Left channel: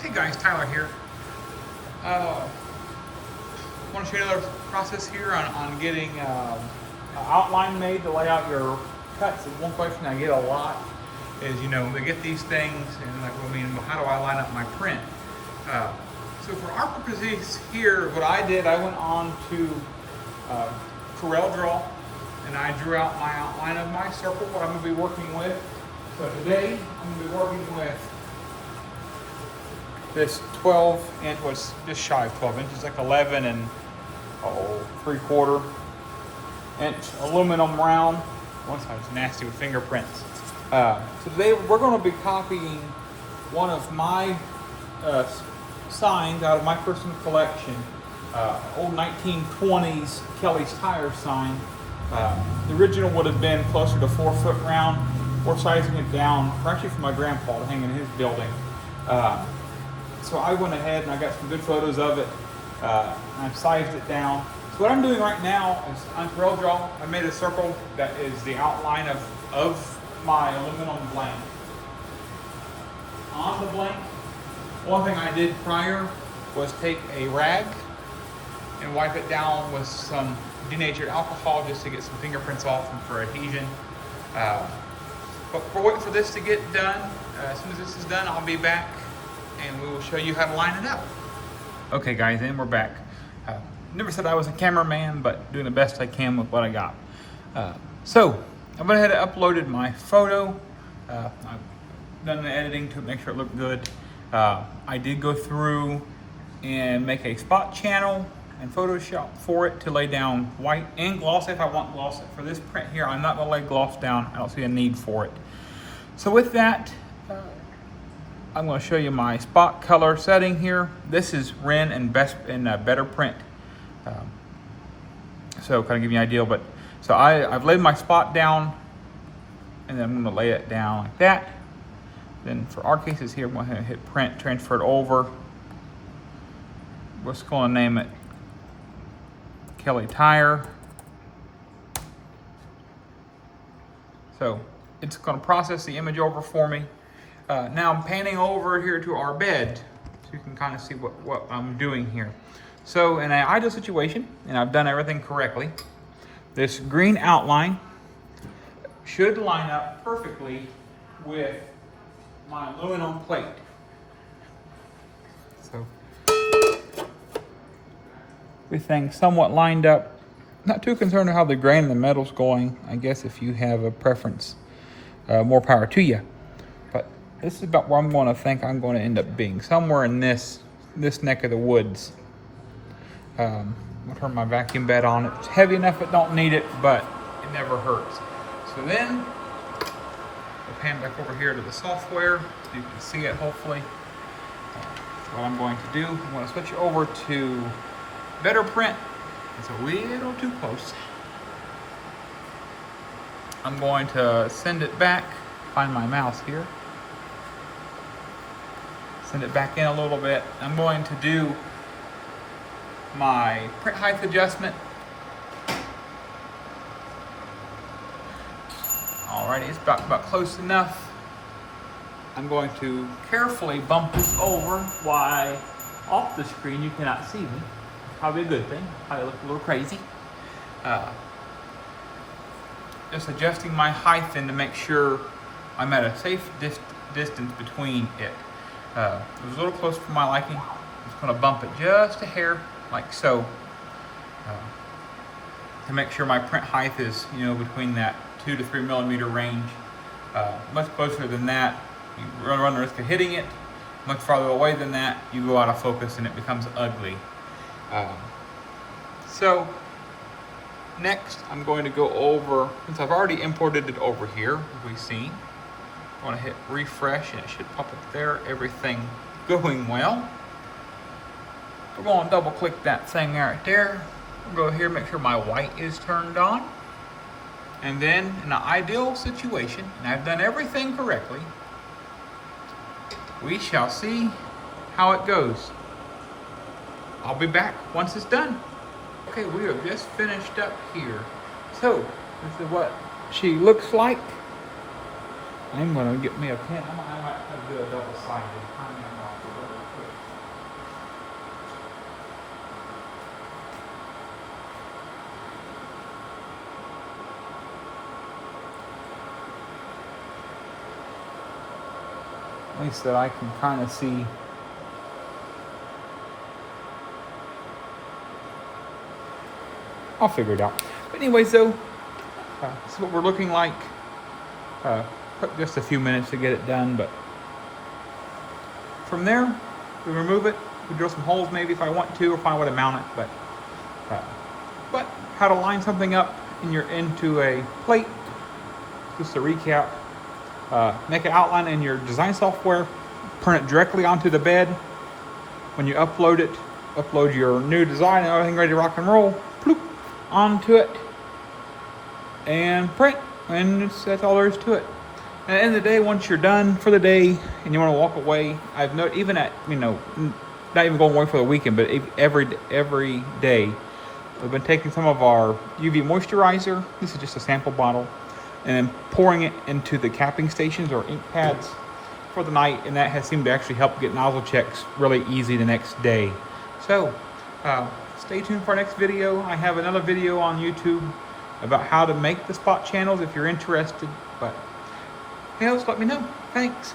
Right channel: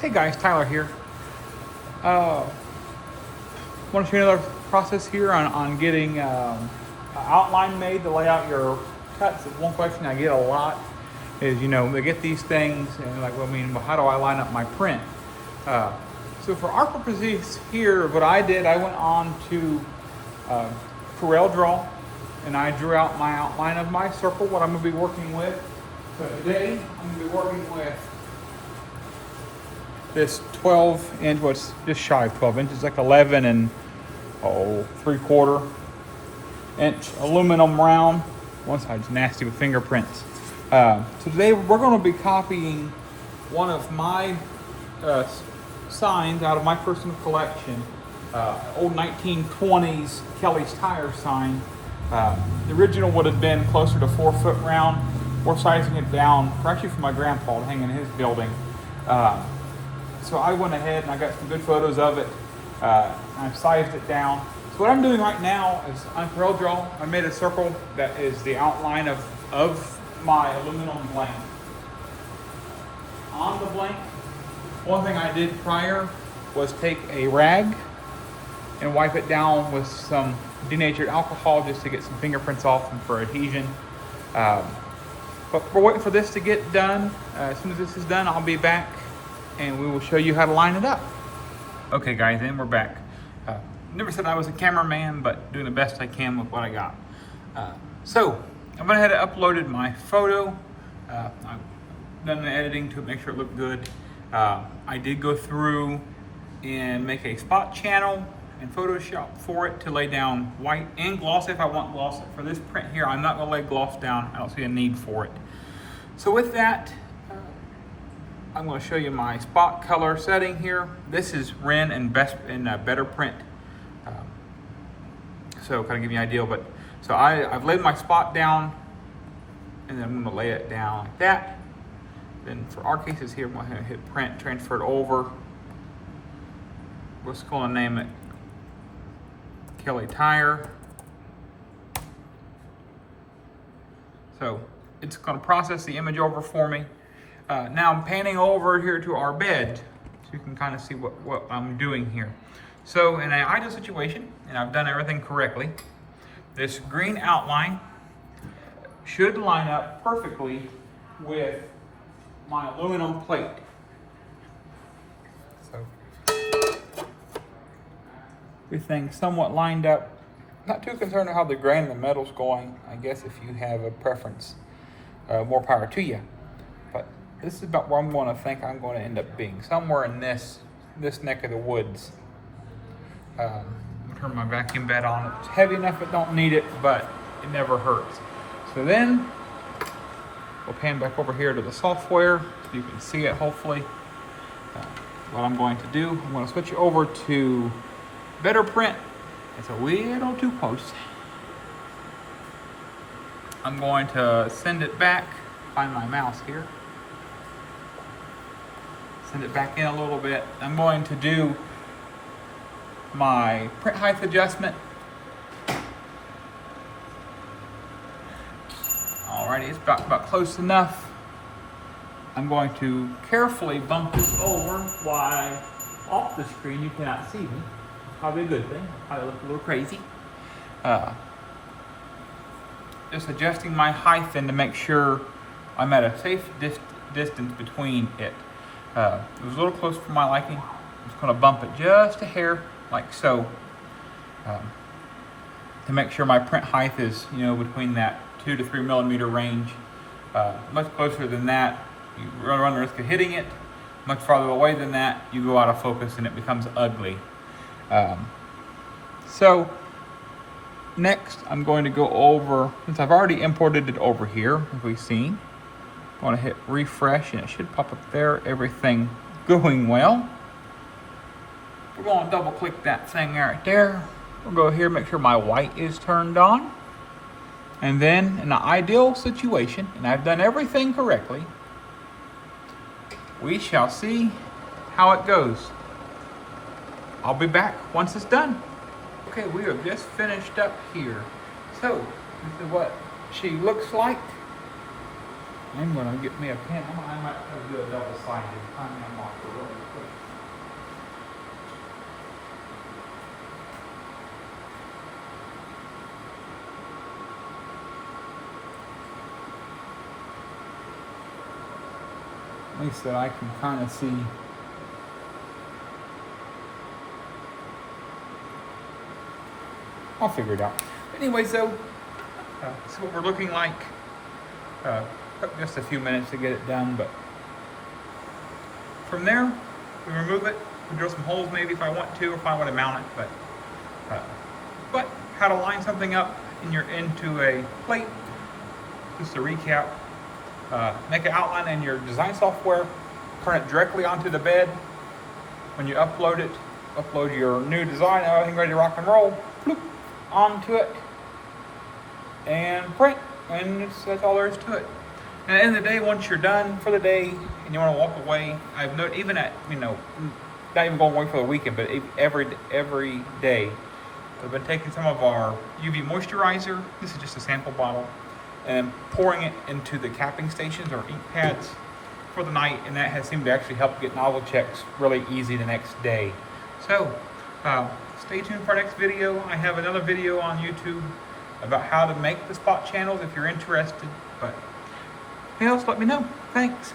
Hey guys, Tyler here. Want to show you another process here on getting outline made to lay out your cuts. And one question I get a lot is, they get these things and they're like, well, how do I line up my print? So for our purposes here, what I did, I went on to Corel Draw and I drew out my outline of my circle, what I'm going to be working with. So today, I'm going to be working with this 12 inch, was just shy of 12 inches, like 11 and 3/4 inch aluminum round. One side's nasty with fingerprints. So today we're going to be copying one of my signs out of my personal collection, old 1920s Kelly's Tire sign. The original would have been closer to 4 foot round. We're sizing it down, actually for my grandpa to hang in his building. So I went ahead and I got some good photos of it. I've sized it down. So what I'm doing right now is on Corel Draw, I made a circle that is the outline of my aluminum blank. On the blank, one thing I did prior was take a rag and wipe it down with some denatured alcohol just to get some fingerprints off and for adhesion. But we're waiting for this to get done. As soon as this is done, I'll be back and we will show you how to line it up. Okay guys, and we're back. Never said I was a cameraman, but doing the best I can with what I got. So, I went ahead and uploaded my photo. I've done the editing to make sure it looked good. I did go through and make a spot channel and Photoshop for it to lay down white and gloss if I want gloss. For this print here, I'm not gonna lay gloss down. I don't see a need for it. So with that, I'm going to show you my spot color setting here. This is Ren and Better Print. So kind of give you an idea, but so I've laid my spot down and then I'm going to lay it down like that. Then for our cases here, I'm going to hit print, transfer it over. Let's go and name it Kelly Tire. So it's going to process the image over for me. Now I'm panning over here to our bed so you can kind of see what I'm doing here. So in an ideal situation, and I've done everything correctly, this green outline should line up perfectly with my aluminum plate. So everything's somewhat lined up. Not too concerned with how the grain of the metal's going. I guess if you have a preference, more power to you. But this is about where I'm going to think I'm going to end up being, somewhere in this neck of the woods. I'll turn my vacuum bed on. It's heavy enough it don't need it, but it never hurts. So then we'll pan back over here to the software so you can see it hopefully. What I'm going to do, I'm going to switch over to Better Print. It's a little too close. I'm going to send it back, find my mouse here. Send it back in a little bit. I'm going to do my print height adjustment. Alrighty, it's about close enough. I'm going to carefully bump this over while off the screen you cannot see me. Probably a good thing. Probably look a little crazy. Just adjusting my height then to make sure I'm at a safe distance between it. It was a little close for my liking. I'm just going to bump it just a hair, like so, to make sure my print height is, between that 2 to 3 millimeter range. Much closer than that, you run the risk of hitting it. Much farther away than that, you go out of focus and it becomes ugly. So next, I'm going to go over, since I've already imported it over here, as we've seen. I want to hit refresh and it should pop up there. Everything going well. We're going to double click that thing right there. We'll go here, make sure my white is turned on. And then in the ideal situation, and I've done everything correctly, we shall see how it goes. I'll be back once it's done. Okay, we have just finished up here. So, this is what she looks like. I'm gonna get me a pen. I might do a double-sided. At least that I can kind of see. I'll figure it out. But anyway, so this is what we're looking like. Took just a few minutes to get it done, but from there, we remove it. We drill some holes maybe if I want to, if I want to mount it. But how to line something up into a plate. Just to recap, make an outline in your design software, turn it directly onto the bed. When you upload it, upload your new design and everything ready to rock and roll, bloop, onto it, and print, and that's all there is to it. And at the end of the day, once you're done for the day and you want to walk away, I've noticed, even at, not even going away for the weekend, but every day, I've been taking some of our UV moisturizer, this is just a sample bottle, and pouring it into the capping stations or ink pads for the night, and that has seemed to actually help get nozzle checks really easy the next day. So, stay tuned for our next video. I have another video on YouTube about how to make the spot channels if you're interested, but anything else, let me know. Thanks.